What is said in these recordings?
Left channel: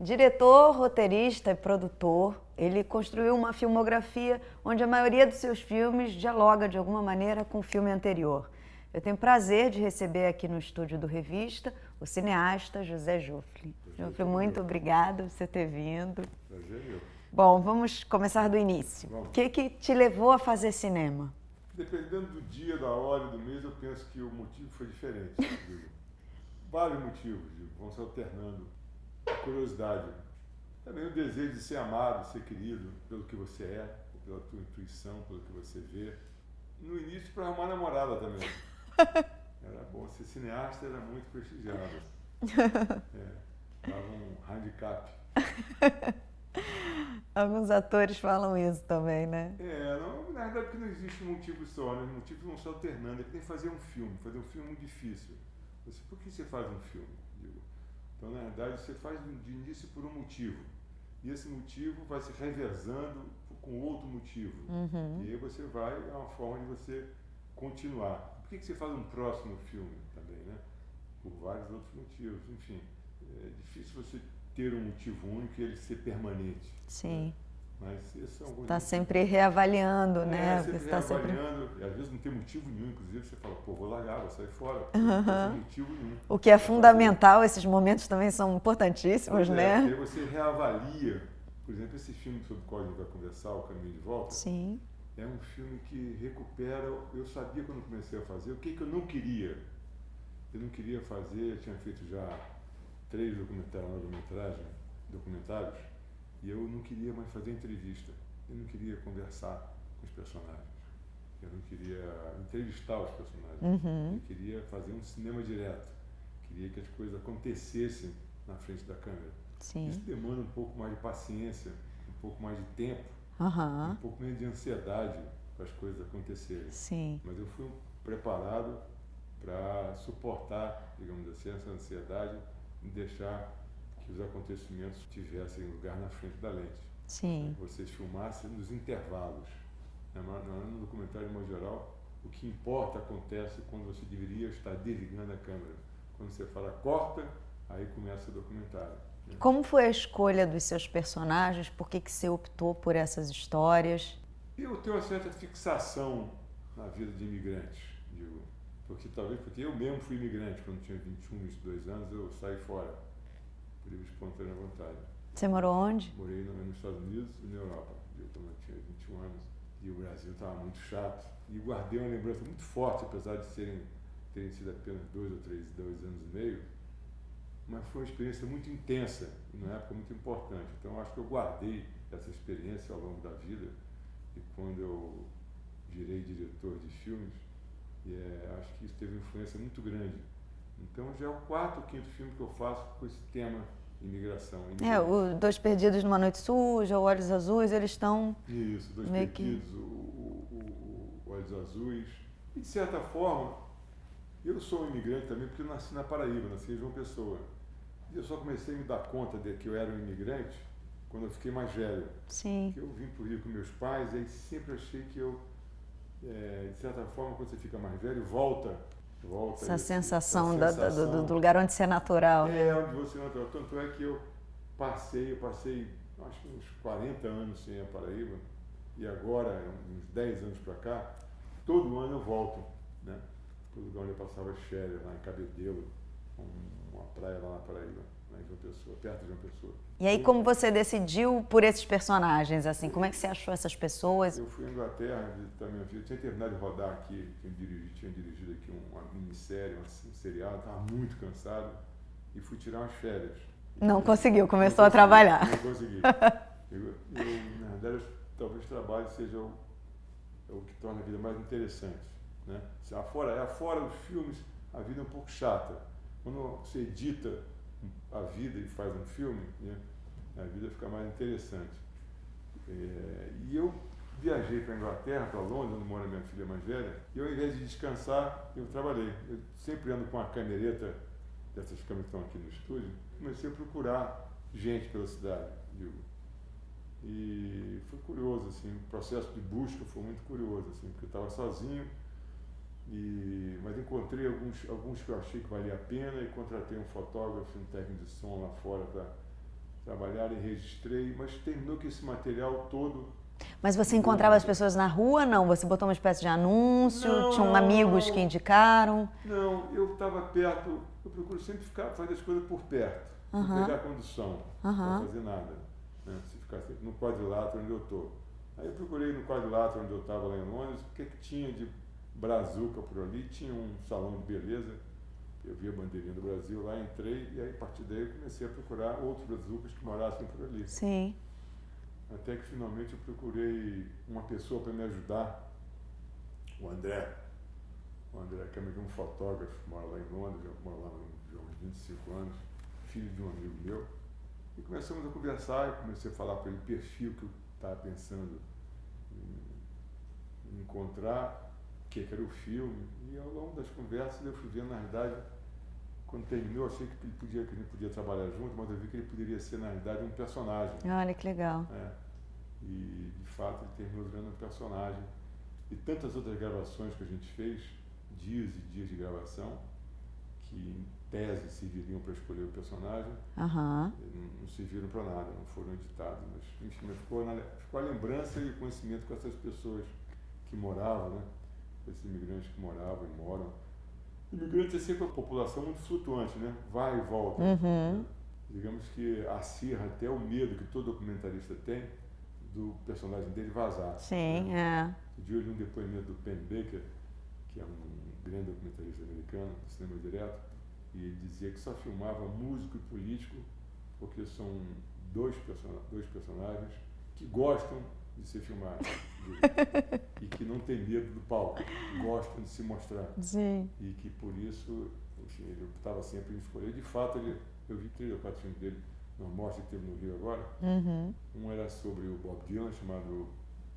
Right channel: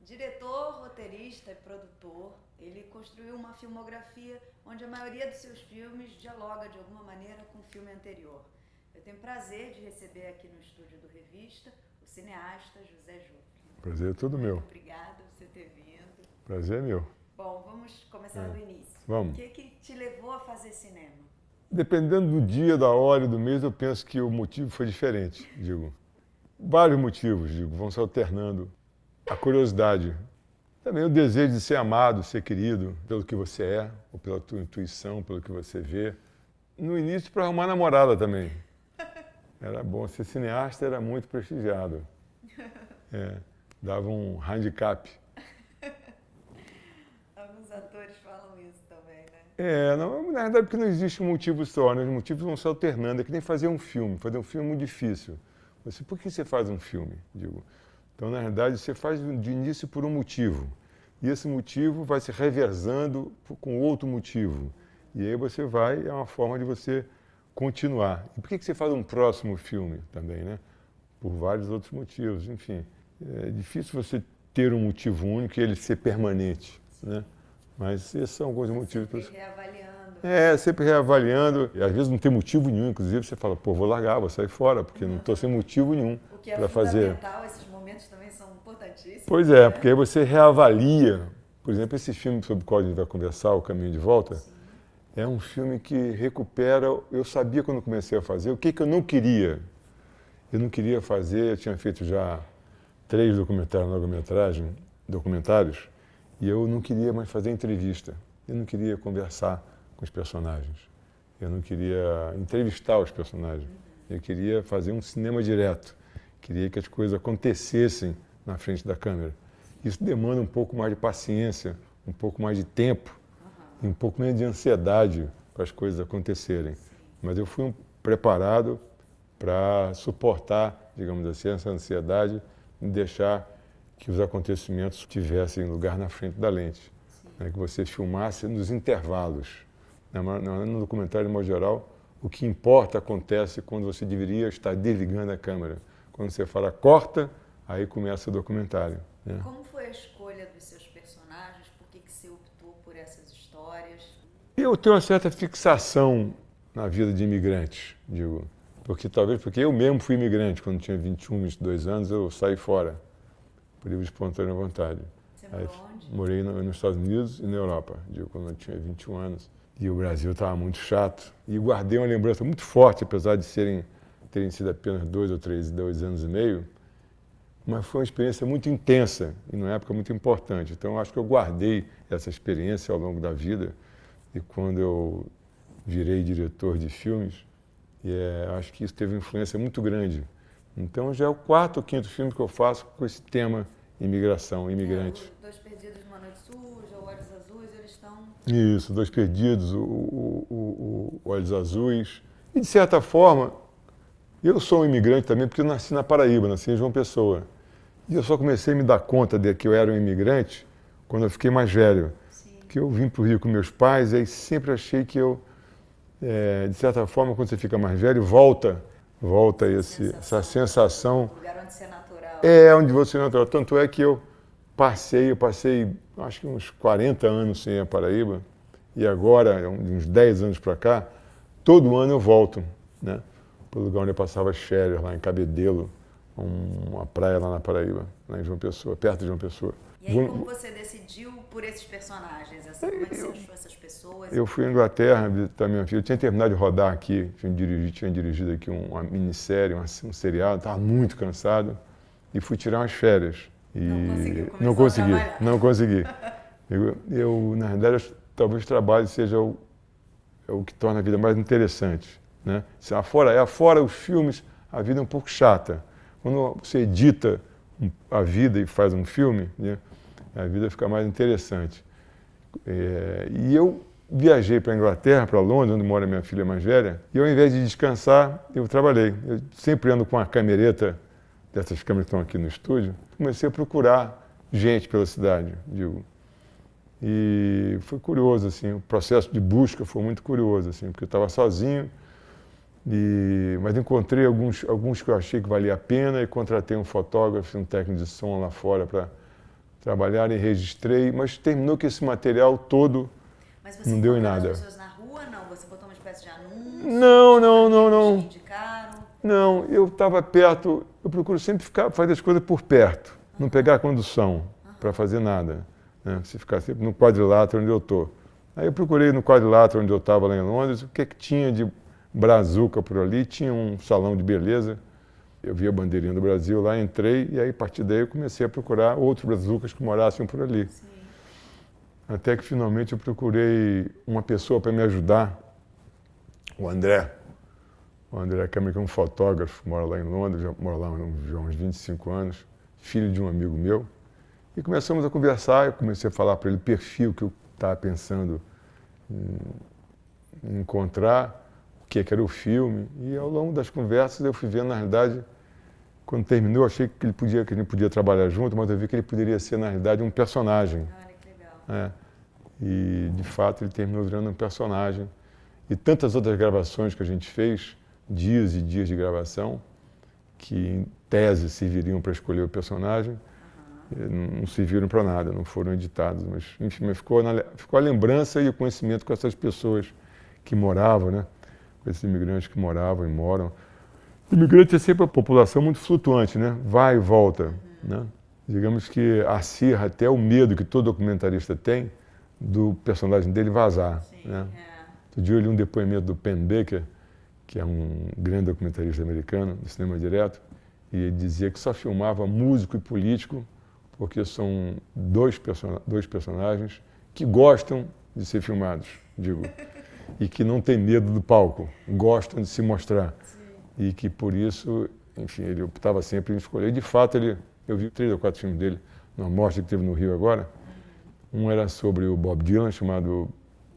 Diretor, roteirista e produtor, ele construiu uma filmografia onde a maioria dos seus filmes dialoga de alguma maneira com o filme anterior. Eu tenho prazer de receber aqui no estúdio do Revista o cineasta José Juflin. Prazer é todo muito meu. obrigada por você ter vindo. Prazer é meu. Bom, vamos começar do início. Vamos. O que te levou a fazer cinema? Dependendo do dia, da hora e do mês, eu penso que o motivo foi diferente, digo. Vários motivos, digo, vão se alternando. A curiosidade, também o desejo de ser amado, ser querido pelo que você é, ou pela tua intuição, pelo que você vê. No início, para arrumar namorada também. Era bom, ser cineasta era muito prestigiado. Dava um handicap. Alguns atores falam isso também, né? Não, na verdade, porque não existe um motivo só, né? Os motivos vão se alternando. É que nem fazer um filme. Fazer um filme é muito difícil. Por que você faz um filme? Digo. Então, na verdade, você faz de início por um motivo. E esse motivo vai se revezando com outro motivo. Uhum. E aí você vai, é uma forma de você continuar. E por que você faz um próximo filme também, né? Por vários outros motivos, enfim. É difícil você ter um motivo único e ele ser permanente. Sim. Né? Mas esses são alguns motivos. Está sempre reavaliando, né? Sempre reavaliando. E às vezes não tem motivo nenhum, inclusive você fala, vou largar, vou sair fora, porque não estou sem motivo nenhum. O que é fundamental, esses momentos também são importantíssimos. Pois é, porque aí você reavalia. Por exemplo, esse filme sobre o qual a gente vai conversar, O Caminho de Volta, Sim. É um filme que recupera. Eu sabia quando comecei a fazer o que eu não queria. Eu não queria fazer, eu tinha feito já 3 documentários, e eu não queria mais fazer entrevista. Eu não queria conversar com os personagens. Eu não queria entrevistar os personagens. Uhum. Eu queria fazer um cinema direto. Queria que as coisas acontecessem na frente da câmera. Sim. Isso demanda um pouco mais de paciência, um pouco mais de tempo, uhum. e um pouco menos de ansiedade para as coisas acontecerem. Sim. Mas eu fui preparado para suportar, digamos assim, essa ansiedade e deixar que os acontecimentos tivessem lugar na frente da lente. Sim. Né, que você filmasse nos intervalos. No documentário, de modo geral, o que importa acontece quando você deveria estar desligando a câmera. Quando você fala corta, aí começa o documentário. Né? Como foi a escolha dos seus personagens? Por que você optou por essas histórias? Eu tenho uma certa fixação na vida de imigrantes, digo. Porque eu mesmo fui imigrante. Quando tinha 21, 22 anos, eu saí fora, por livre e espontânea vontade. Você morou onde? Morei nos Estados Unidos e na Europa, digo, quando eu tinha 21 anos. E o Brasil estava muito chato. E guardei uma lembrança muito forte, apesar de terem sido apenas 2 anos e meio. Mas foi uma experiência muito intensa e numa época muito importante. Então, acho que eu guardei essa experiência ao longo da vida. E quando eu virei diretor de filmes, acho que isso teve uma influência muito grande. Então, já é o 4º ou 5º filme que eu faço com esse tema imigração, imigrante. Os Dois Perdidos numa Noite Suja, o Olhos Azuis, eles estão... Isso, Dois Perdidos, o Olhos Azuis. E, de certa forma, eu sou um imigrante também, porque eu nasci na Paraíba, nasci em João Pessoa. E eu só comecei a me dar conta de que eu era um imigrante quando eu fiquei mais velho. Sim. Que eu vim para o Rio com meus pais, e aí sempre achei que eu, de certa forma, quando você fica mais velho, volta essa sensação do lugar onde você é natural. Onde você é natural. Tanto é que eu passei acho que uns 40 anos sem a Paraíba, e agora, uns 10 anos para cá, todo ano eu volto, né? Para o lugar onde eu passava as férias, lá em Cabedelo, uma praia lá na Paraíba, lá em João Pessoa, perto de João Pessoa. E aí, como você decidiu por esses personagens? Assim, como é que você achou essas pessoas? Eu fui à Inglaterra visitar minha filha. Eu tinha terminado de rodar aqui, tinha dirigido aqui uma minissérie, um seriado, estava muito cansado e fui tirar umas férias. Não conseguiu, começou a trabalhar. Não consegui. Eu, na verdade, talvez o trabalho seja o que torna a vida mais interessante. Né? Afora os filmes, a vida é um pouco chata. Quando você edita a vida e faz um filme, né, a vida fica mais interessante. E eu viajei para a Inglaterra, para Londres, onde mora minha filha mais velha, e ao invés de descansar, eu trabalhei. Eu sempre ando com uma camereta, dessas câmeras que estão aqui no estúdio, comecei a procurar gente pela cidade, digo. E foi curioso, assim, o processo de busca foi muito curioso, assim, porque eu estava sozinho Mas encontrei alguns que eu achei que valia a pena e contratei um fotógrafo, um técnico de som lá fora para trabalhar e registrei, mas terminou que esse material todo. Mas você encontrava as pessoas na rua, não? Você botou uma espécie de anúncio? Não, tinha amigos não. que indicaram? Não, eu estava perto, eu procuro sempre fazer as coisas por perto, não pegar a condução para fazer nada, né? Se ficar sempre no quadrilátero onde eu estou. Aí eu procurei no quadrilátero onde eu estava lá em Londres, o que tinha de brazuca por ali, tinha um salão de beleza, eu vi a bandeirinha do Brasil lá, entrei e aí a partir daí eu comecei a procurar outros brazucas que morassem por ali. Sim. Até que finalmente eu procurei uma pessoa para me ajudar, o André Câmara, que é um fotógrafo, mora lá em Londres, já mora lá há uns 25 anos, filho de um amigo meu. E começamos a conversar, eu comecei a falar para ele o perfil que eu estava pensando em encontrar, o que era o filme. E ao longo das conversas eu fui vendo, na realidade, quando terminou, eu achei que a gente podia trabalhar junto, mas eu vi que ele poderia ser, na realidade, um personagem. Olha que legal. E, de fato, ele terminou virando um personagem. E tantas outras gravações que a gente fez, dias e dias de gravação, que em tese serviriam para escolher o personagem, não serviram para nada, não foram editados. Mas, enfim, ficou a lembrança e o conhecimento com essas pessoas que moravam, né? Com esses imigrantes que moravam e moram. Imigrante é sempre uma população muito flutuante, né? Vai e volta. Né? Digamos que acirra até o medo que todo documentarista tem do personagem dele vazar. Sim, né? Outro dia eu li um depoimento do Penn Baker, que é um grande documentarista americano, do cinema direto, e ele dizia que só filmava músico e político porque são dois personagens que gostam de ser filmados, digo, e que não tem medo do palco, gostam de se mostrar. Sim. E que por isso, enfim, ele optava sempre em escolher. E de fato, eu vi 3 ou 4 filmes dele, na morte que teve no Rio agora. Um era sobre o Bob Dylan, chamado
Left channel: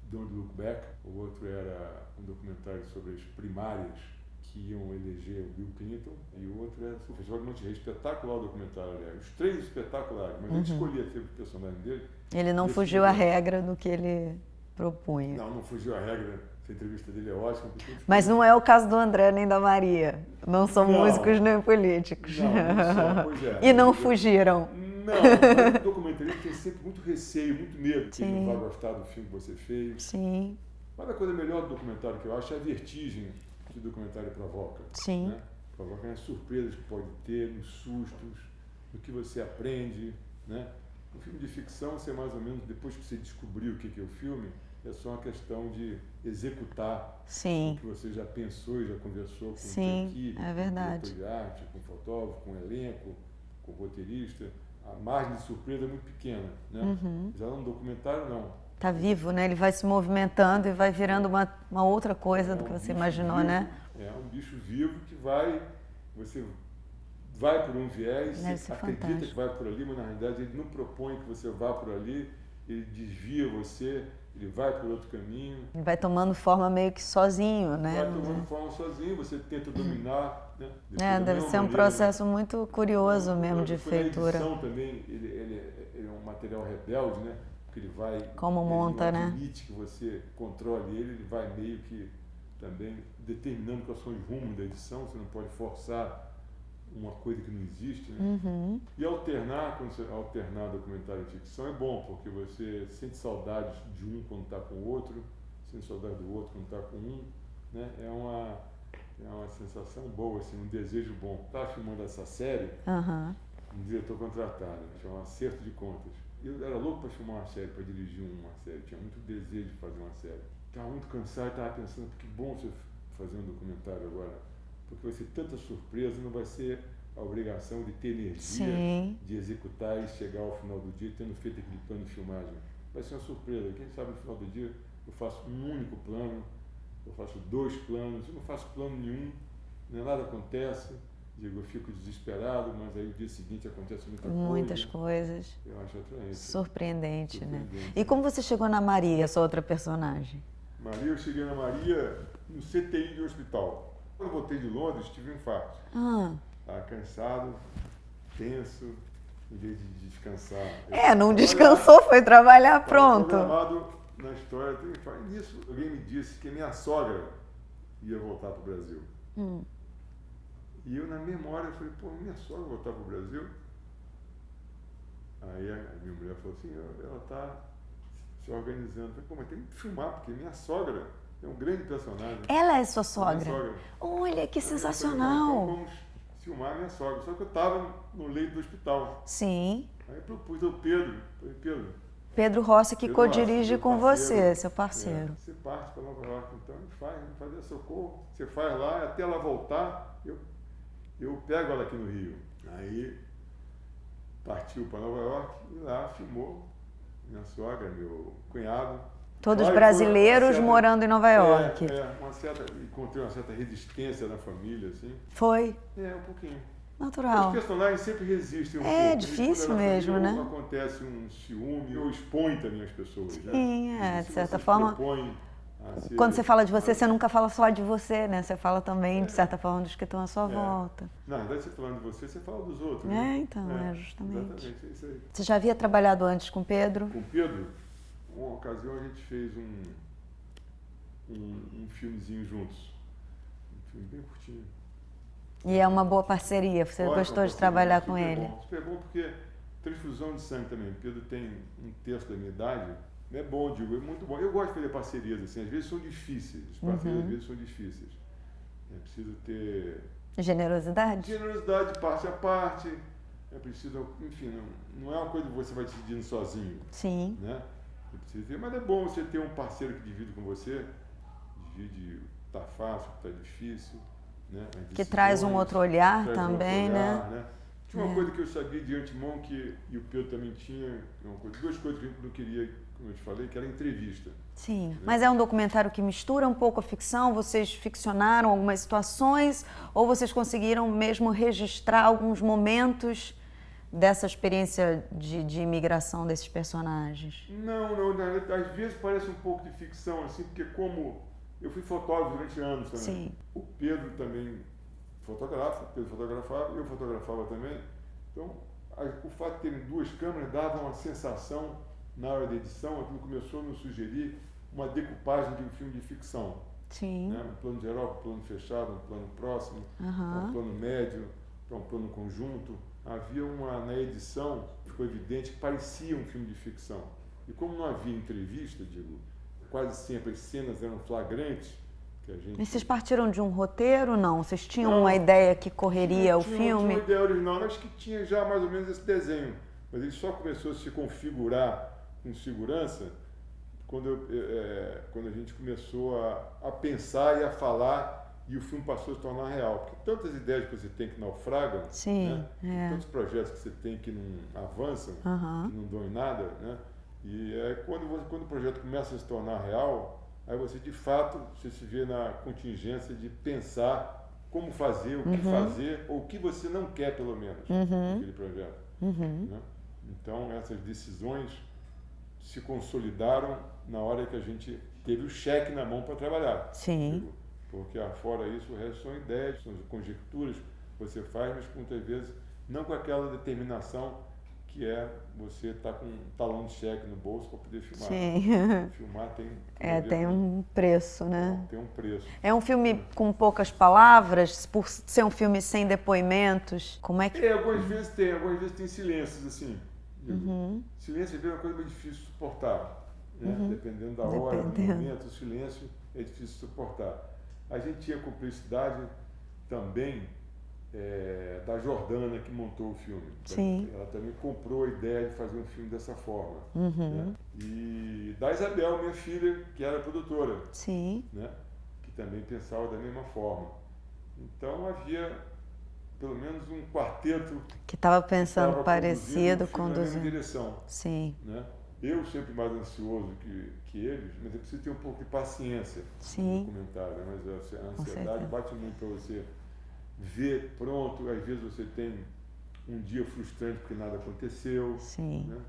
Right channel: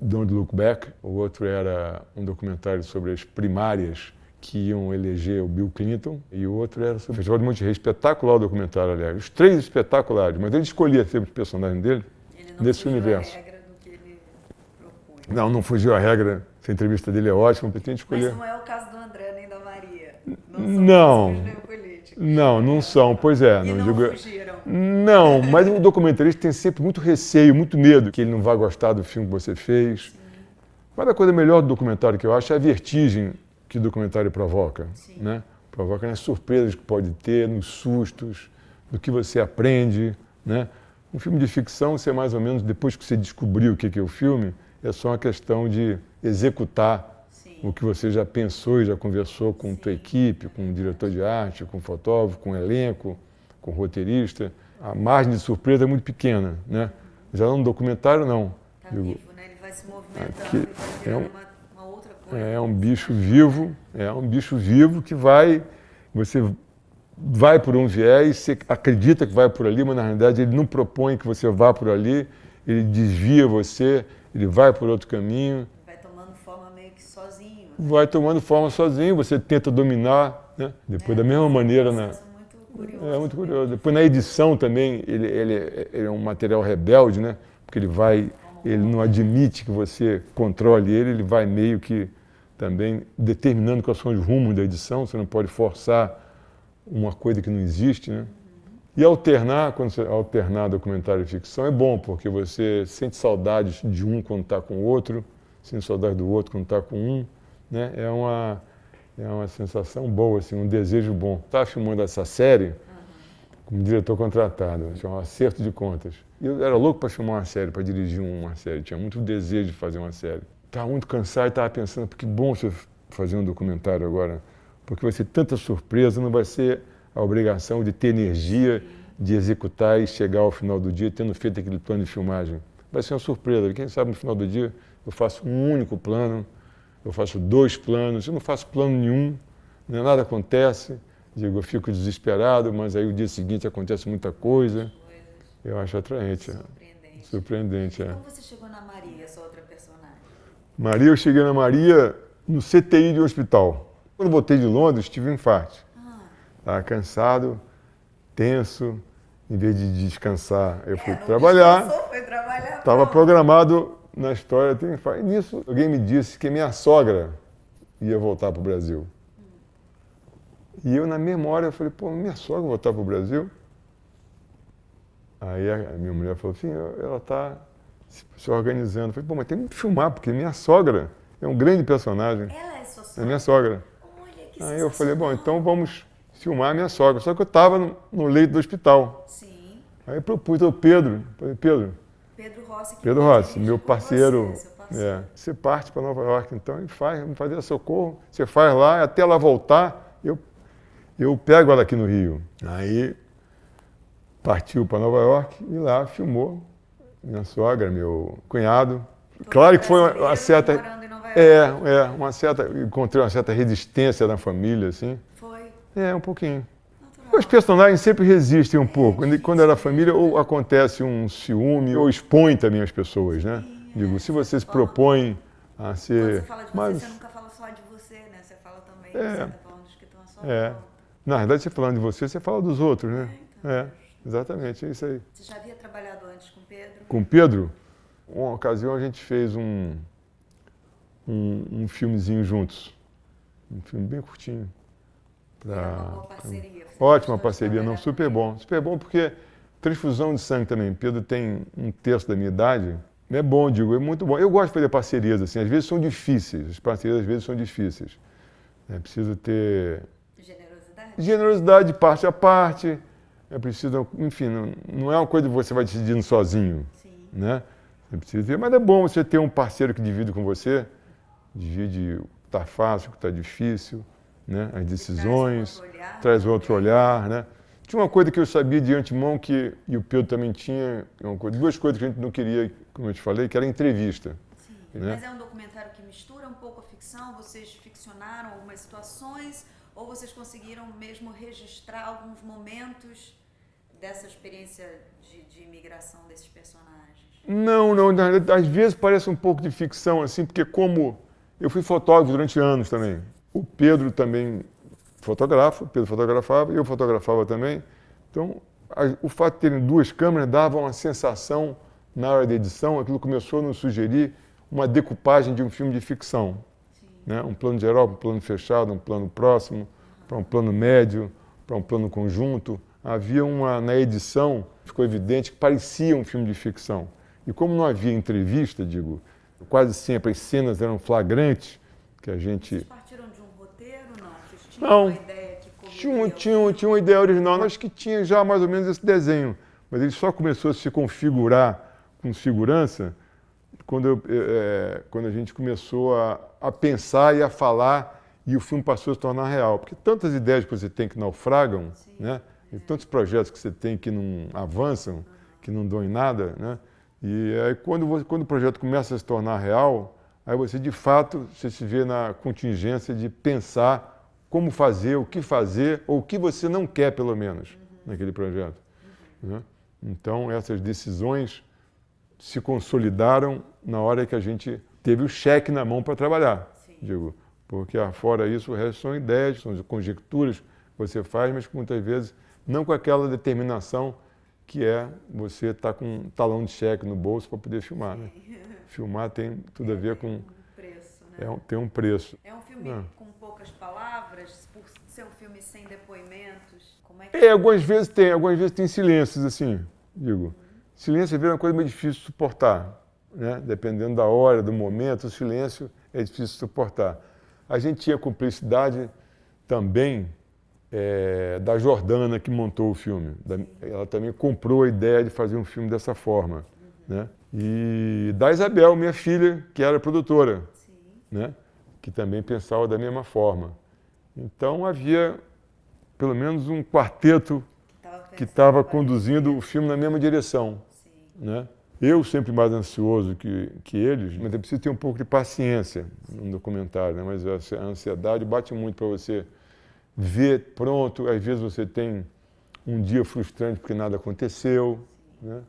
Don't Look Back. O outro era um documentário sobre as primárias que iam eleger o Bill Clinton. E o outro era sobre o Festival de Monte Rei. Espetacular o documentário, aliás. Os 3 espetaculares, mas ele escolhia sempre o personagem dele. Ele não fugiu à regra do que ele propunha. Não fugiu à regra. Essa entrevista dele é ótima. Mas não é o caso do André nem da Maria. Não são músicos nem políticos. Não são, pois é. E não fugiram. Não, mas o documentarista tem sempre muito receio, muito medo que ele não vá gostar do filme que você fez. Sim. Mas a coisa melhor do documentário que eu acho é a vertigem que o documentário provoca. Sim. Né? Provoca nas surpresas que pode ter, nos sustos, no que você aprende, né? Um filme de ficção, você mais ou menos, depois que você descobriu o que é o filme, é só uma questão de executar o que você já pensou e já conversou com tua equipe, com o diretor de arte, com o fotógrafo, com o elenco, com o roteirista. A margem de surpresa é muito pequena, né? Já no documentário, não. Está vivo, né? Ele vai se movimentando e vai virando uma outra coisa. É um bicho imaginou, vivo, né? É um bicho vivo que você vai por um viés, você acredita que vai por ali, mas na realidade ele não propõe que você vá por ali, ele desvia você, ele vai por outro caminho. Ele vai tomando forma meio que sozinho, né? Vai tomando forma sozinho, você tenta dominar, né? Depois da mesma maneira. É um processo muito curioso mesmo. Curioso. Depois na edição também, ele é um material rebelde, né? Porque ele não admite que você controle ele vai meio que também determinando quais são os rumos da edição, você não pode forçar uma coisa que não existe, né? E quando você alternar documentário e ficção é bom, porque você sente saudades de um quando está com o outro, sente saudade do outro quando está com um, né? É uma sensação boa, assim, um desejo bom. Estava filmando essa série como diretor contratado, chama Acerto de Contas. E eu era louco para filmar uma série, para dirigir uma série, tinha muito desejo de fazer uma série. Estava muito cansado e estava pensando, que bom você fazer um documentário agora, porque vai ser tanta surpresa, não vai ser a obrigação de ter energia, de executar e chegar ao final do dia tendo feito aquele plano de filmagem. Vai ser uma surpresa. Quem sabe no final do dia eu faço um único plano, eu faço 2 planos, eu não faço plano nenhum, né? Nada acontece, eu fico desesperado, mas aí o dia seguinte acontece muitas coisas. Eu acho atraente. Surpreendente. Surpreendente. E como você chegou na Maria, essa outra personagem? Maria, eu cheguei na Maria no CTI de um hospital. Quando voltei de Londres, tive um infarto. Estava cansado, tenso, em vez de descansar, eu fui não trabalhar. Descansou, foi trabalhar, pronto. Estava programado na história, ter um infarto. E nisso, alguém me disse que minha sogra ia voltar para o Brasil. E eu, na mesma hora, eu falei, pô, minha sogra vai voltar para o Brasil? Aí a minha mulher falou assim, ela está se organizando. Eu falei, pô, mas tem que filmar, porque minha sogra é um grande personagem. Ela é sua É sogra? minha sogra. Olha, que Aí sensacional. eu falei, bom, então vamos filmar a minha sogra. Só que eu estava no leito do hospital. Sim. Aí eu propus ao Pedro, falei, Pedro Rossi, que Pedro Rossi, co-dirige meu com parceiro, você, seu parceiro. você parte para Nova York, então, e vamos fazer socorro, você faz lá, até ela voltar, eu pego ela aqui no Rio. Aí partiu para Nova York e lá filmou minha sogra, meu cunhado. Todos Claro que foi brasileiros morando em Nova York. Encontrei uma certa resistência na família, assim. Foi? Um pouquinho. Natural. Os personagens sempre resistem um pouco. Difícil Quando era mesmo, família, né? ou acontece um ciúme, ou expõe também as pessoas, né? Sim, Digo, de se você certa se forma, propõe a ser... Quando você fala de você, Mas, você nunca fala só de você, né? Você fala também, de certa forma, dos que estão à sua volta. Na verdade, você falando de você fala dos outros, né? Então, justamente. Exatamente, é isso aí. Você já havia trabalhado antes com o Pedro? Com o Pedro, uma ocasião a gente fez um filmezinho juntos. Um filme bem curtinho. E é uma boa parceria, você Ótima gostou de parceria, trabalhar com super ele? bom. Super bom porque transfusão de sangue também. Pedro tem um terço da minha idade. É bom, digo, é muito bom. Eu gosto de fazer parcerias, assim, às vezes são difíceis. As parcerias às vezes são difíceis. É preciso ter... Generosidade? Generosidade de parte a parte. É preciso, enfim, não é uma coisa que você vai decidindo sozinho. Sim. Né? Você precisa ter, mas é bom você ter um parceiro que divide com você, divide o que está fácil, o que está difícil, né? As decisões. Que traz um outro olhar traz também, outro olhar, né? Tinha uma coisa que eu sabia de antemão e o Pedro também tinha, duas coisas que a gente não queria, como eu te falei, que era entrevista. Sim, né? Mas é um documentário que mistura um pouco a ficção, vocês ficcionaram algumas situações ou vocês conseguiram mesmo registrar alguns momentos dessa experiência de imigração desses personagens? Não, às vezes parece um pouco de ficção, assim, porque como eu fui fotógrafo durante anos também. Sim. O Pedro também fotografa, o Pedro fotografava, eu fotografava também. Então, o fato de terem duas câmeras dava uma sensação, na hora da edição, aquilo começou a nos sugerir uma decupagem de um filme de ficção. Sim. Né? Um plano geral, um plano fechado, um plano próximo, para um plano médio, para um plano conjunto. Havia na edição, ficou evidente que parecia um filme de ficção. E como não havia entrevista, quase sempre as cenas eram flagrantes, que a gente... E vocês partiram de um roteiro, não? Vocês tinham uma ideia que correria o filme? Tinha uma ideia original, acho que tinha já mais ou menos esse desenho, mas ele só começou a se configurar com segurança quando a gente começou a pensar e a falar e o filme passou a se tornar real. Porque tantas ideias que você tem que naufragam, Sim, né? E tantos projetos que você tem que não avançam, que não dão em nada, né? E aí quando o projeto começa a se tornar real, aí você de fato você se vê na contingência de pensar como fazer, o que fazer, ou o que você não quer pelo menos naquele projeto. Né? Então essas decisões se consolidaram na hora que a gente teve o cheque na mão para trabalhar. Sim. Porque fora isso, o resto são ideias, são conjecturas que você faz, mas muitas vezes não com aquela determinação que é você estar com um talão de cheque no bolso para poder filmar. Sim. Né? Filmar tem tudo a ver tem um preço, né? Tem um preço. É um filme com poucas palavras, por ser um filme sem depoimentos. Como é que... Algumas vezes tem silêncios, assim, Silêncio às vezes é uma coisa meio difícil de suportar, né? Dependendo da hora, do momento, o silêncio é difícil de suportar. A gente tinha cumplicidade também da Jordana, que montou o filme. Ela também comprou a ideia de fazer um filme dessa forma. Né? E da Isabel, minha filha, que era produtora, né? Que também pensava da mesma forma. Então havia pelo menos um quarteto que estava conduzindo o filme na mesma direção. Né? Eu sempre mais ansioso que eles, mas é preciso ter um pouco de paciência no documentário, né? Mas a ansiedade bate muito para você ver pronto. Às vezes você tem um dia frustrante porque nada aconteceu, né?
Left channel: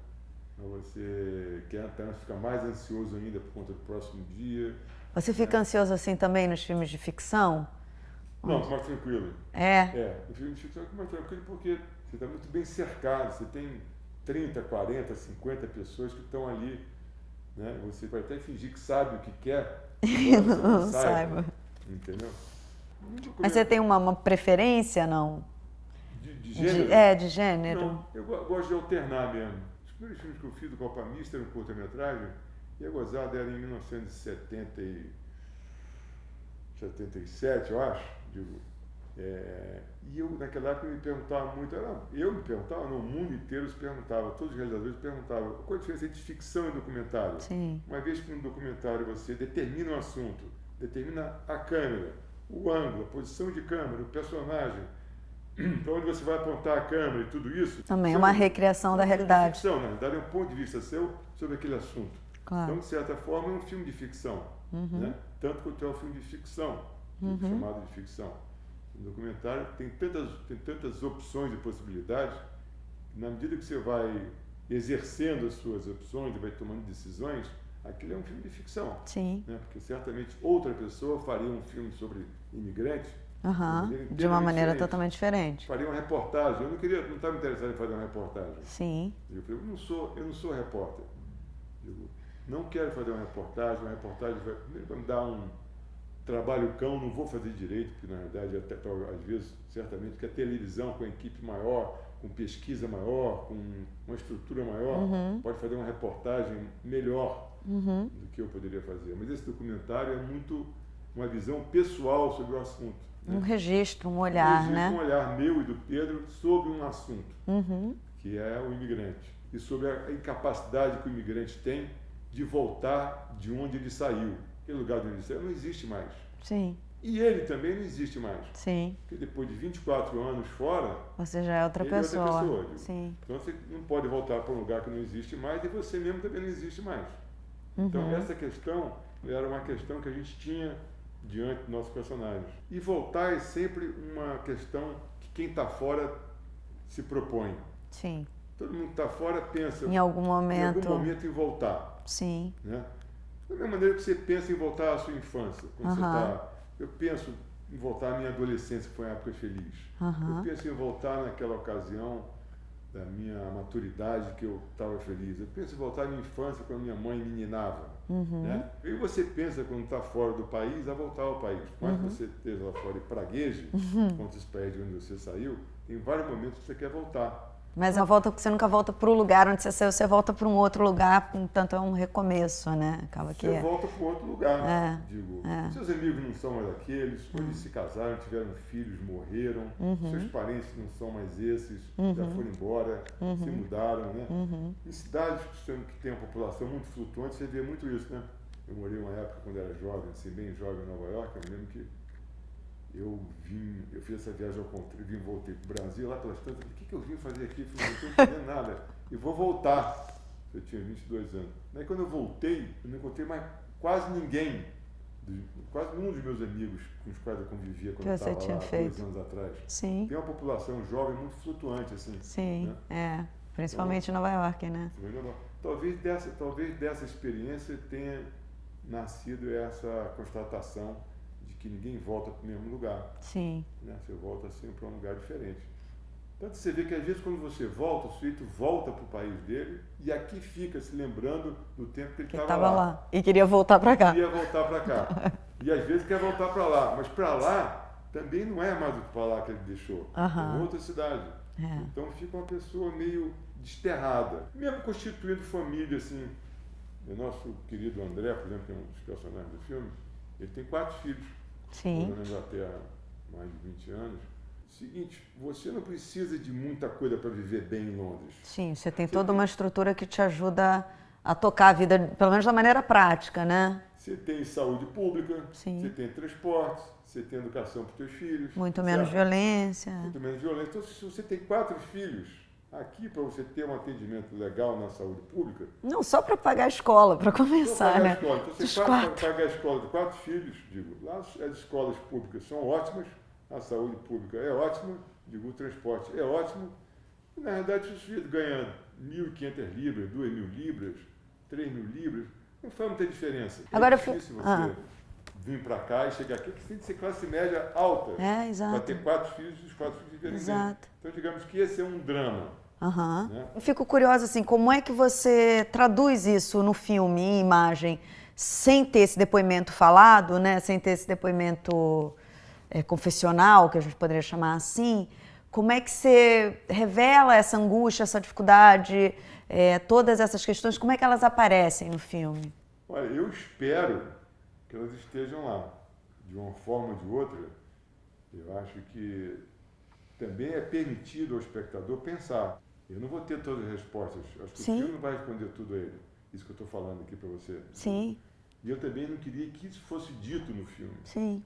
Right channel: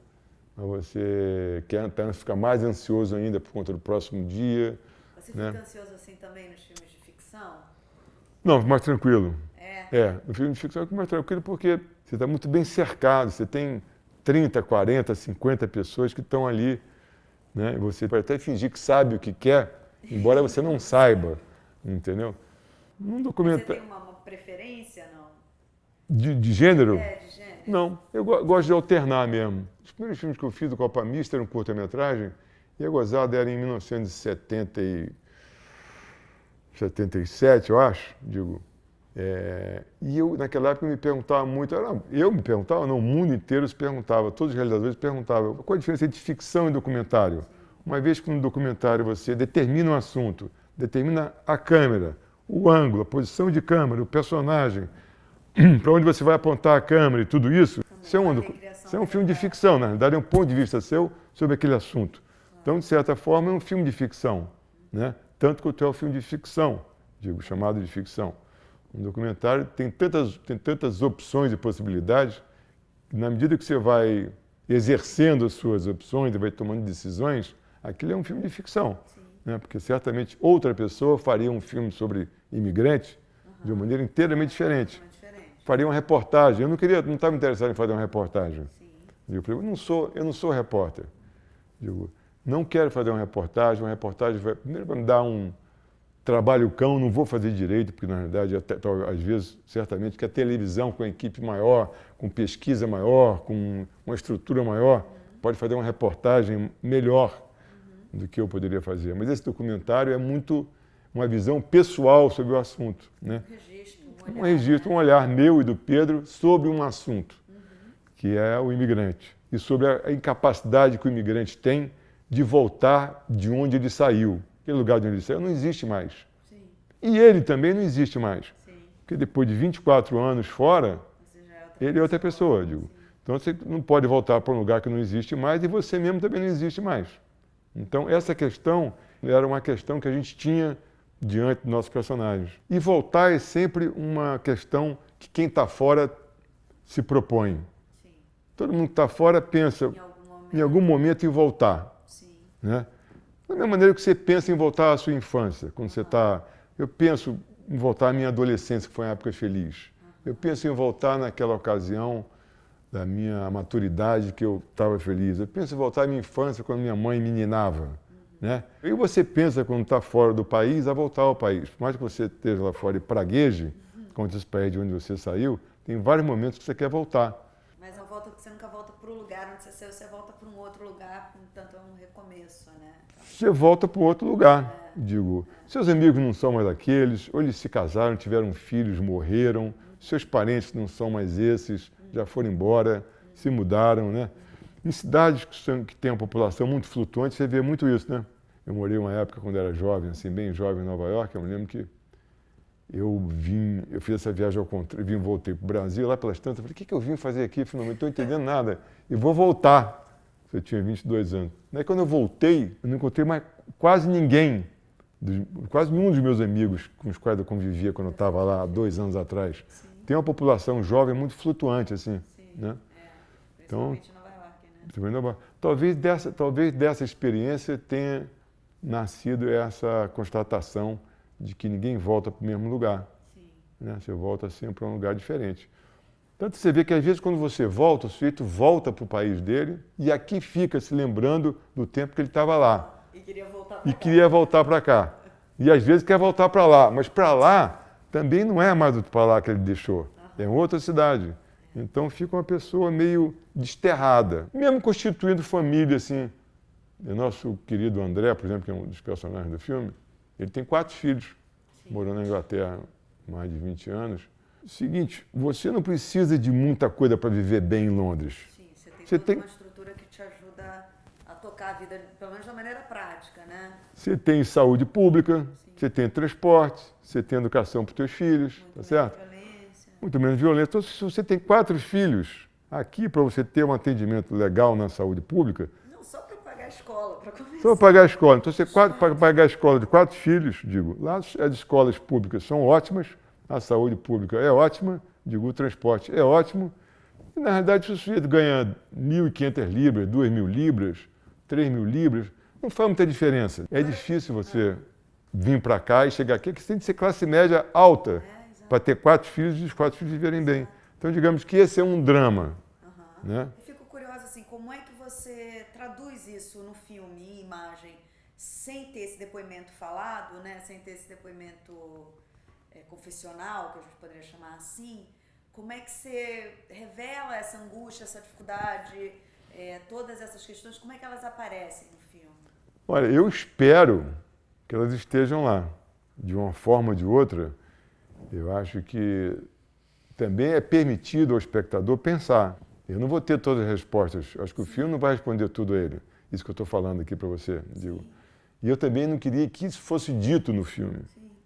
Mas você quer apenas ficar mais ansioso ainda por conta do próximo dia. Você fica ansioso assim também nos filmes de ficção? Não, mais tranquilo. No filme de ficção é mais tranquilo porque você está muito bem cercado, você tem 30, 40, 50 pessoas que estão ali, né? Você pode até fingir que sabe o que quer, embora você não saiba. entendeu? Mas você tem uma preferência, não? De gênero? De gênero. Não, eu gosto de alternar mesmo. Os primeiros filmes que eu fiz do Copa Mista eram curta-metragem, e a Gozada era em 1977, eu acho, digo. E eu, naquela época, me perguntava muito, o mundo inteiro se perguntava, todos os realizadores perguntavam, qual a diferença entre ficção e documentário? Sim. Uma vez que no documentário você determina um assunto, determina a câmera, o ângulo, a posição de câmera, o personagem, para onde você vai apontar a câmera e tudo isso. Também é uma recriação da realidade. É um filme de ficção, na verdade é um ponto de vista seu sobre aquele assunto. Claro. Então, de certa forma, é um filme de ficção, né? Tanto quanto é um filme de ficção, chamado de ficção. Um documentário tem tantas opções e possibilidades, que na medida que você vai exercendo as suas opções e vai tomando decisões, aquilo é um filme de ficção. Sim. Né? Porque certamente outra pessoa faria um filme sobre imigrantes de uma maneira inteiramente diferente. Totalmente diferente. Faria uma reportagem. Eu não estava interessado em fazer uma reportagem. Sim. Eu não sou repórter. Digo, não quero fazer uma reportagem primeiro vai me dar um trabalho cão, não vou fazer direito, porque na realidade, às vezes, certamente, que a televisão com a equipe maior, com pesquisa maior, com uma estrutura maior, pode fazer uma reportagem melhor do que eu poderia fazer. Mas esse documentário é muito uma visão pessoal sobre o assunto. Né? Um registro, um olhar, um olhar meu e do Pedro sobre um assunto, que é o imigrante. E sobre a incapacidade que o imigrante tem de voltar de onde ele saiu. Aquele lugar de onde ele saiu não existe mais. Sim. E ele também não existe mais. Sim. Porque depois de 24 anos fora, você já é outra ele pessoa. É outra pessoa. Digo. Sim. Então você não pode voltar para um lugar que não existe mais e você mesmo também não existe mais. Então essa questão era uma questão que a gente tinha diante dos nossos personagens. E voltar é sempre uma questão que quem está fora se propõe. Sim. Todo mundo que está fora pensa em algum momento em voltar. Sim. Né? Da mesma maneira que você pensa em voltar à sua infância, quando você está... Eu penso em voltar à minha adolescência, que foi uma época feliz. Eu penso em voltar naquela ocasião da minha maturidade, que eu estava feliz. Eu penso em voltar à minha infância, quando minha mãe me ninava. Né? E você pensa, quando está fora do país, a voltar ao país. Por mais que você esteja lá fora e pragueje, como esse país de onde você saiu, tem vários momentos que você quer voltar. Mas você nunca volta para o lugar onde você saiu, você volta para um outro lugar, portanto é um recomeço, né? Você volta para outro lugar, digo. Seus amigos não são mais aqueles, ou eles se casaram, tiveram filhos, morreram, seus parentes não são mais esses, já foram embora, se mudaram, né? Em cidades que têm uma população muito flutuante, você vê muito isso, né? Eu morei uma época, quando era jovem, assim, bem jovem em Nova York, eu me lembro que eu fiz essa viagem ao contrário, voltei para o Brasil, lá pelas tantas, eu falei, o que eu vim fazer aqui? Eu não estou entendendo nada. E vou voltar. Eu tinha 22 anos. Daí quando eu voltei, eu não encontrei mais quase ninguém, quase nenhum dos meus amigos com os quais eu convivia quando eu estava lá há 2 anos atrás. Sim. Tem uma população jovem muito flutuante, assim. Sim, né? Principalmente em Nova York, né? Talvez dessa experiência tenha nascido essa constatação de que ninguém volta para o mesmo lugar. Sim. Né? Você volta sempre para um lugar diferente. Tanto você vê que, às vezes, quando você volta, o sujeito volta para o país dele e aqui fica se lembrando do tempo que ele estava lá. E queria voltar para cá. Queria voltar para cá. E, às vezes, quer voltar para lá. Mas para lá também não é mais para lá que ele deixou. É outra cidade. Então, fica uma pessoa meio desterrada. Mesmo constituindo família, assim. O nosso querido André, por exemplo, que é um dos personagens do filme, ele tem 4 filhos, morando na Inglaterra há mais de 20 anos. Seguinte, você não precisa de muita coisa para viver bem em Londres. Sim, você tem toda uma estrutura que te ajuda a tocar a vida, pelo menos da maneira prática, né? Você tem saúde pública, você tem transporte, você tem educação para os seus filhos. Muito menos violência. Muito menos violência. Então, se você tem 4 filhos, aqui, para você ter um atendimento legal na saúde pública... Não, só para pagar a escola, para começar. Só para pagar a escola. Então, você para pagar a escola de 4 filhos, digo, lá as escolas públicas são ótimas, a saúde pública é ótima, digo, o transporte é ótimo. E, na realidade, se o sujeito ganha 1.500 libras, 2.000 libras, 3.000 libras, não faz muita diferença. Agora, é difícil você vir para cá e chegar aqui, que você tem que ser classe média alta para ter 4 filhos e os 4 filhos viverem bem. Então, digamos que esse é um drama. Né? Eu fico curiosa, assim, como é que você traduz isso no filme, em imagem? sem ter esse depoimento falado, né? Sem ter esse depoimento confessional, que a gente poderia chamar assim, como é que você revela essa angústia, essa dificuldade, todas essas questões, como é que elas aparecem no filme? Olha, eu espero que elas estejam lá, de uma forma ou de outra. Eu acho que também é permitido ao espectador pensar. Eu não vou ter todas as respostas, acho que Sim. O filme não vai responder tudo a ele. Isso que eu estou falando aqui para você. Sim. E eu também não queria que isso fosse dito no filme. Sim.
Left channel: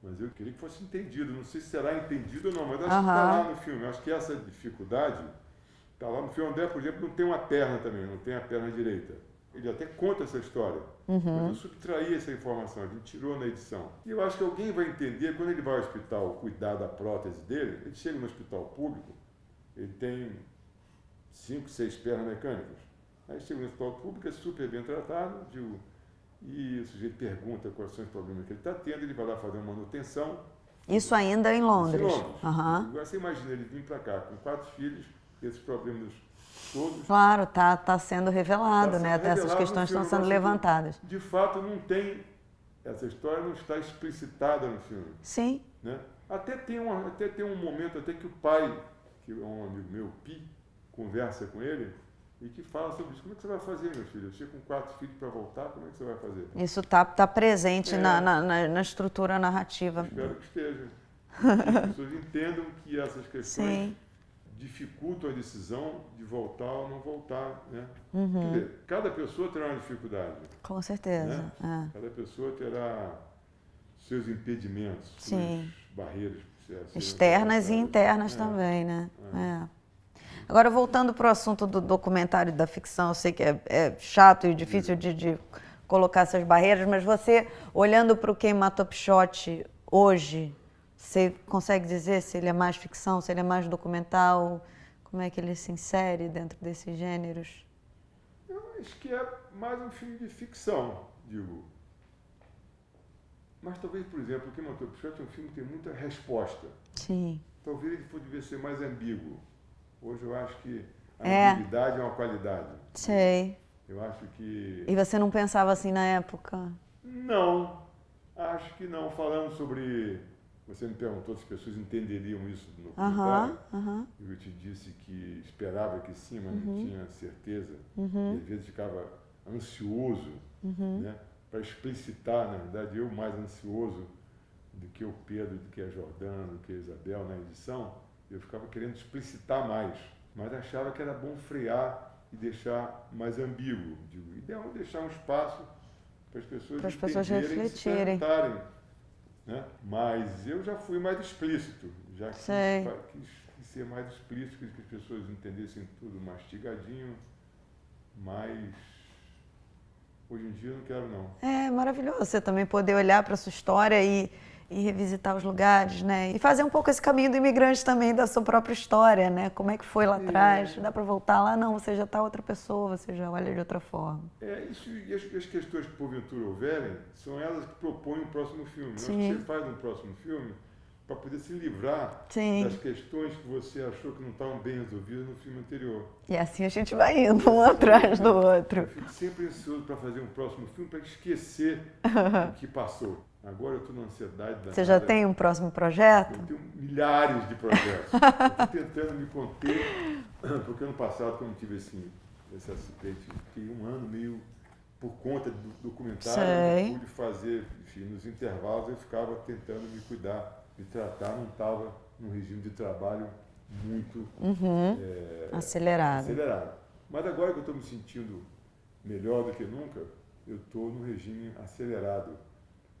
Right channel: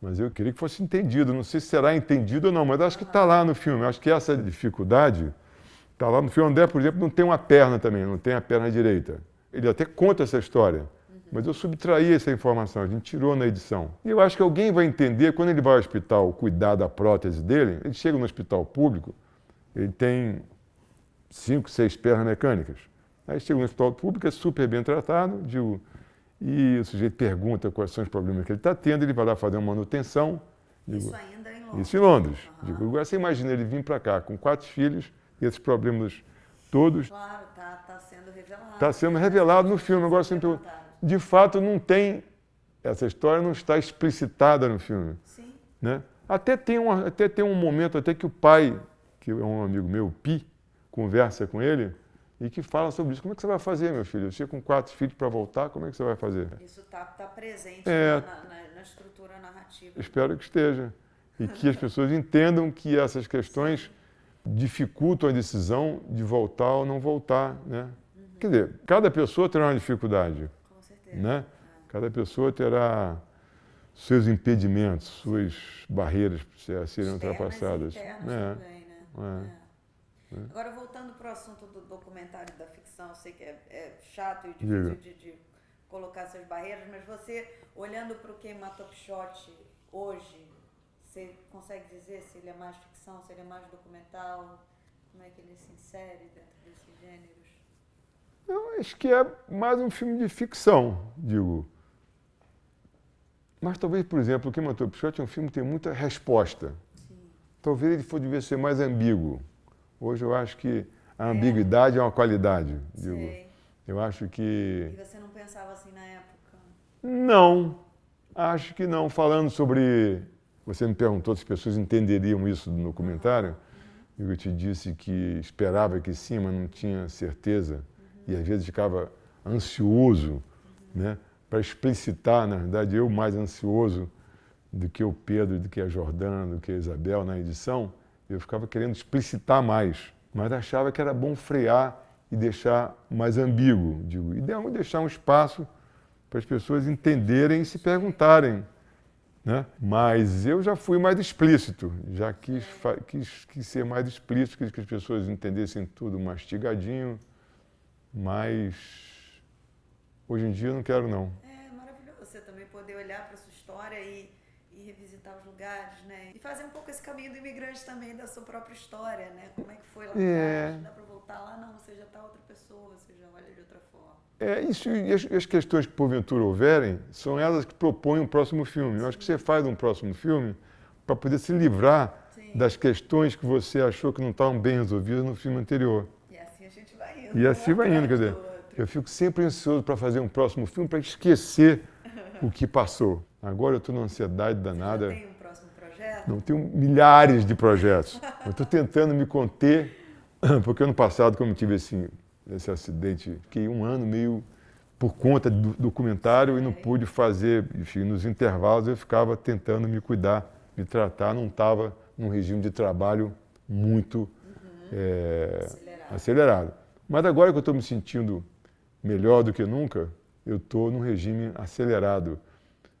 Mas eu queria que fosse entendido. Não sei se será entendido ou não, mas acho que está lá no filme. Acho que essa dificuldade está lá no filme. André, por exemplo, não tem uma perna também, não tem a perna direita. Ele até conta essa história, mas eu subtraí essa informação, a gente tirou na edição. E eu acho que alguém vai entender, quando ele vai ao hospital cuidar da prótese dele, ele chega no hospital público, ele tem 5, 6 pernas mecânicas. Aí chega no hospital público, é super bem tratado, e o sujeito pergunta quais são os problemas que ele está tendo, ele vai lá fazer uma manutenção. Isso ainda em Londres? Isso em Londres. Agora você imagina ele vir para cá com 4 filhos, e esses problemas todos. Claro, tá sendo revelado. Está sendo revelado no filme. Estão sendo levantadas. De fato, não tem. Essa história não está explicitada no filme. Sim. Né? Até tem um momento até que o pai, que é um amigo meu, o Pi, conversa com ele e que fala sobre isso. Como é que você vai fazer, meu filho? Eu chego com 4 filhos para voltar, como é que você vai fazer? Isso tá presente na estrutura narrativa. Espero que esteja. E que as pessoas entendam que essas questões Sim. dificultam a decisão de voltar ou não voltar, né? Quer dizer, cada pessoa terá uma dificuldade. Com certeza. Né? Cada pessoa terá seus impedimentos, suas barreiras a serem externas e internas também, né? Agora, voltando para o assunto do documentário e da ficção, eu sei que é chato e difícil de colocar essas barreiras, mas você, olhando para o Quem Matou Pichote hoje, você consegue dizer se ele é mais ficção, se ele é mais documental? Como é que ele se insere dentro desses gêneros? Eu acho que é mais um filme de ficção, digo. Mas talvez, por exemplo, o Quem Matou Pichote é um filme que tem muita resposta. Sim. Talvez ele devia ser mais ambíguo. Hoje eu acho que a ambiguidade é uma qualidade. Sei. Digo. Eu acho que... E você não pensava assim na época? Não, acho que não. Falando sobre... Você me perguntou se as pessoas entenderiam isso no comentário. Eu te disse que esperava que sim, mas não tinha certeza. E às vezes ficava ansioso, né, para explicitar, na verdade, eu mais ansioso do que o Pedro, do que a Jordana, do que a Isabel na edição. Eu ficava querendo explicitar mais, mas achava que era bom frear e deixar mais ambíguo. Digo, e deixar um espaço para as pessoas entenderem e se perguntarem. Né? Mas eu já fui mais explícito, já quis ser mais explícito, quis que as pessoas entendessem tudo mastigadinho, mas hoje em dia eu não quero não. É maravilhoso você também poder olhar para a sua história e revisitar os lugares, né? E fazer um pouco esse caminho do imigrante também, da sua própria história, né? Como é que foi lá atrás? Dá para voltar lá? Não, você já está outra pessoa, você já olha de outra forma. Isso, e as questões que porventura houverem, são elas que propõem um próximo filme. Eu acho que você faz um próximo filme para poder se livrar das questões que você achou que não estavam bem resolvidas no filme anterior. E assim a gente vai indo, um atrás do outro. Eu fico sempre ansioso para fazer um próximo filme, para esquecer o que passou. Agora eu estou na ansiedade danada. Você já tem um próximo projeto? Não, tenho milhares de projetos. Eu estou tentando me conter, porque ano passado, como eu tive esse acidente, fiquei um ano meio por conta do documentário, eu não pude fazer, enfim, nos intervalos eu ficava tentando me cuidar, me tratar, não estava num regime de trabalho muito acelerado. Mas agora que eu estou me sentindo melhor do que nunca, eu estou num regime acelerado.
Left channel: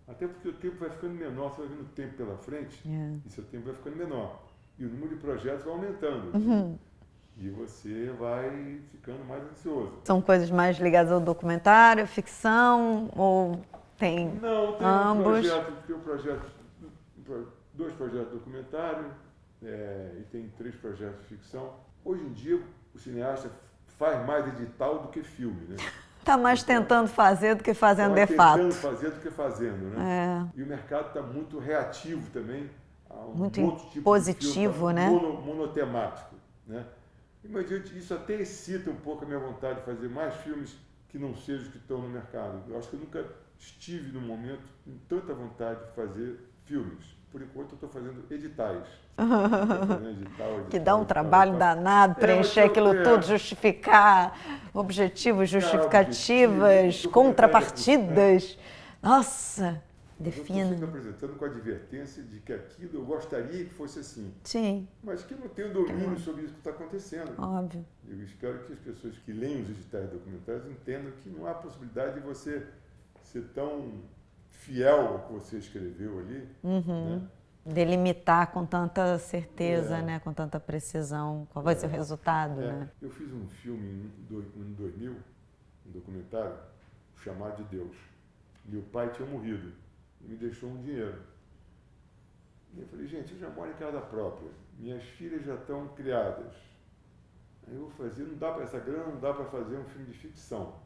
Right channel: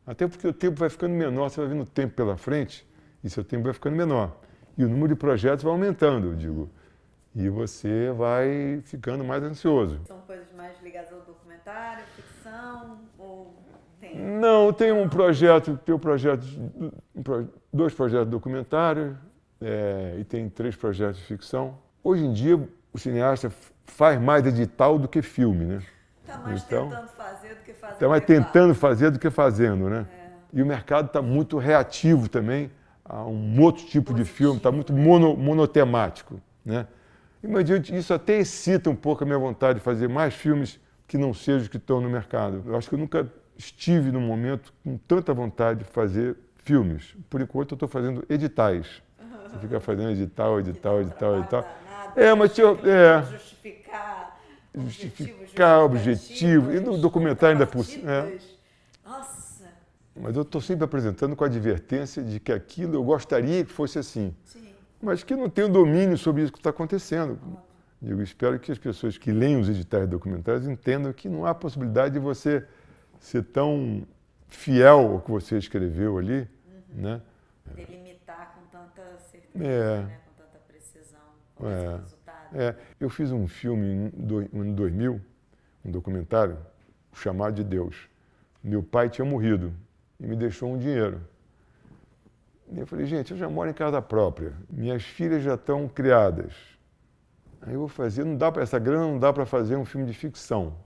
Até porque o tempo vai ficando menor, você vai vendo o tempo pela frente e seu tempo vai ficando menor. E o número de projetos vai aumentando, digo, e você vai ficando mais ansioso. São coisas mais ligadas ao documentário, ficção ou tem Não, tem dois projetos documentários e tem 3 projetos de ficção. Hoje em dia, o cineasta faz mais edital do que filme, né? Está mais tentando fazer do que fazendo de fato. Está mais tentando fazer do que fazendo, né? E o mercado está muito reativo também a um outro tipo positivo, de filme, está muito monotemático, né? Imagina, isso até excita um pouco a minha vontade de fazer mais filmes que não sejam os que estão no mercado. Eu acho que eu nunca estive num momento com tanta vontade de fazer filmes. Por enquanto, eu estou fazendo editais. Fica fazendo edital. Que dá um trabalho danado, mas preencher aquilo tudo, justificar objetivos, justificativas, contrapartidas. Nossa! Mas eu estou sempre apresentando com a advertência de que aquilo eu gostaria que fosse assim. Sim. Mas que não tenho domínio sobre isso que está acontecendo. Óbvio. Eu espero que as pessoas que leem os editais documentários entendam que não há possibilidade de você ser tão fiel ao que você escreveu ali, né? Delimitar com tanta certeza, né? Com tanta precisão, qual vai ser o resultado. Né? Eu fiz um filme no ano 2000, um documentário, O Chamado de Deus. Meu pai tinha morrido e me deixou um dinheiro. E eu falei, gente, eu já moro em casa própria, minhas filhas já estão criadas. Aí eu vou fazer, essa grana não dá para fazer um filme de ficção.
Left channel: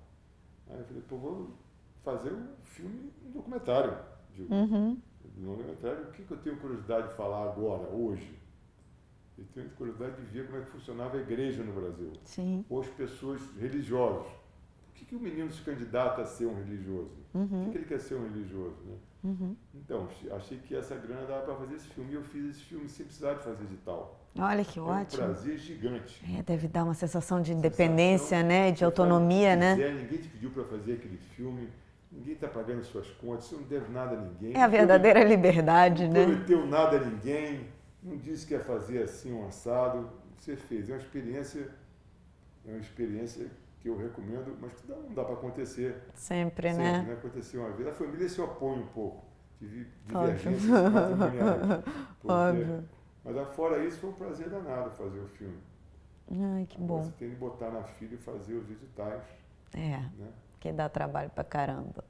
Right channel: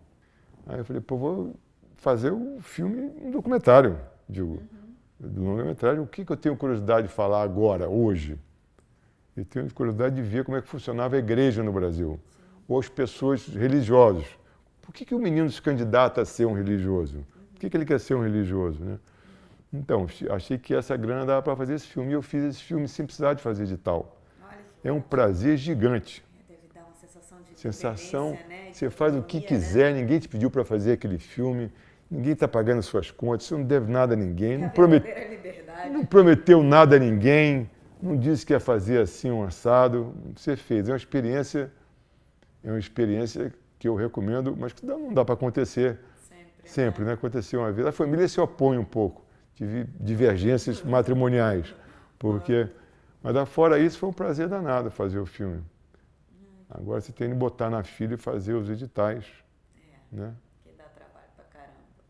Aí eu falei, pô, vou fazer um filme, um documentário, do longa-metragem. O que eu tenho curiosidade de falar agora, hoje? Eu tenho curiosidade de ver como é que funcionava a igreja no Brasil. Sim. Ou as pessoas religiosas. Por que o menino se candidata a ser um religioso? Por que ele quer ser um religioso? Né? Então, achei que essa grana dava para fazer esse filme. E eu fiz esse filme sem precisar de fazer edital. Olha que ótimo. É um prazer gigante. Deve dar uma sensação de independência, né? De autonomia, faz o que quiser, né? Ninguém te pediu para fazer aquele filme. Ninguém está pagando suas contas. Você não deve nada a ninguém. É a verdadeira liberdade, Não prometeu nada a ninguém. Não disse que ia fazer assim um assado. Você fez. É uma experiência que eu recomendo, mas que não dá para acontecer. Sempre, né? Aconteceu uma vez. A família se opõe um pouco. Tive divergências matrimoniais. Mas fora isso, foi um prazer danado fazer o filme. Ai, Agora você tem que botar na fila e fazer os editais. Né? Que dá trabalho pra caramba.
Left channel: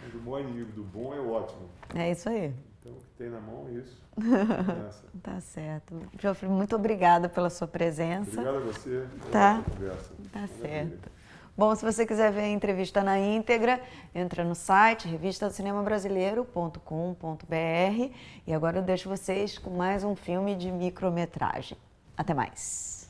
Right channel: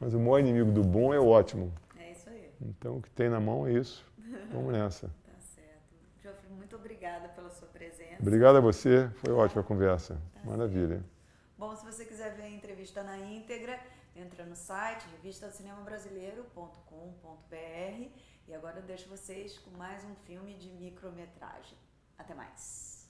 Mas o maior inimigo do bom é o ótimo. É isso aí. Então, o que tem na mão é isso. É nessa. Tá certo. Geoffrey, muito obrigada pela sua presença. Obrigado a você. Foi ótima conversa. Tá Maravilha. certo. Bom, se você quiser ver a entrevista na íntegra, entra no site revistadocinembrasileiro.com.br e agora eu deixo vocês com mais um filme de micrometragem. Até mais.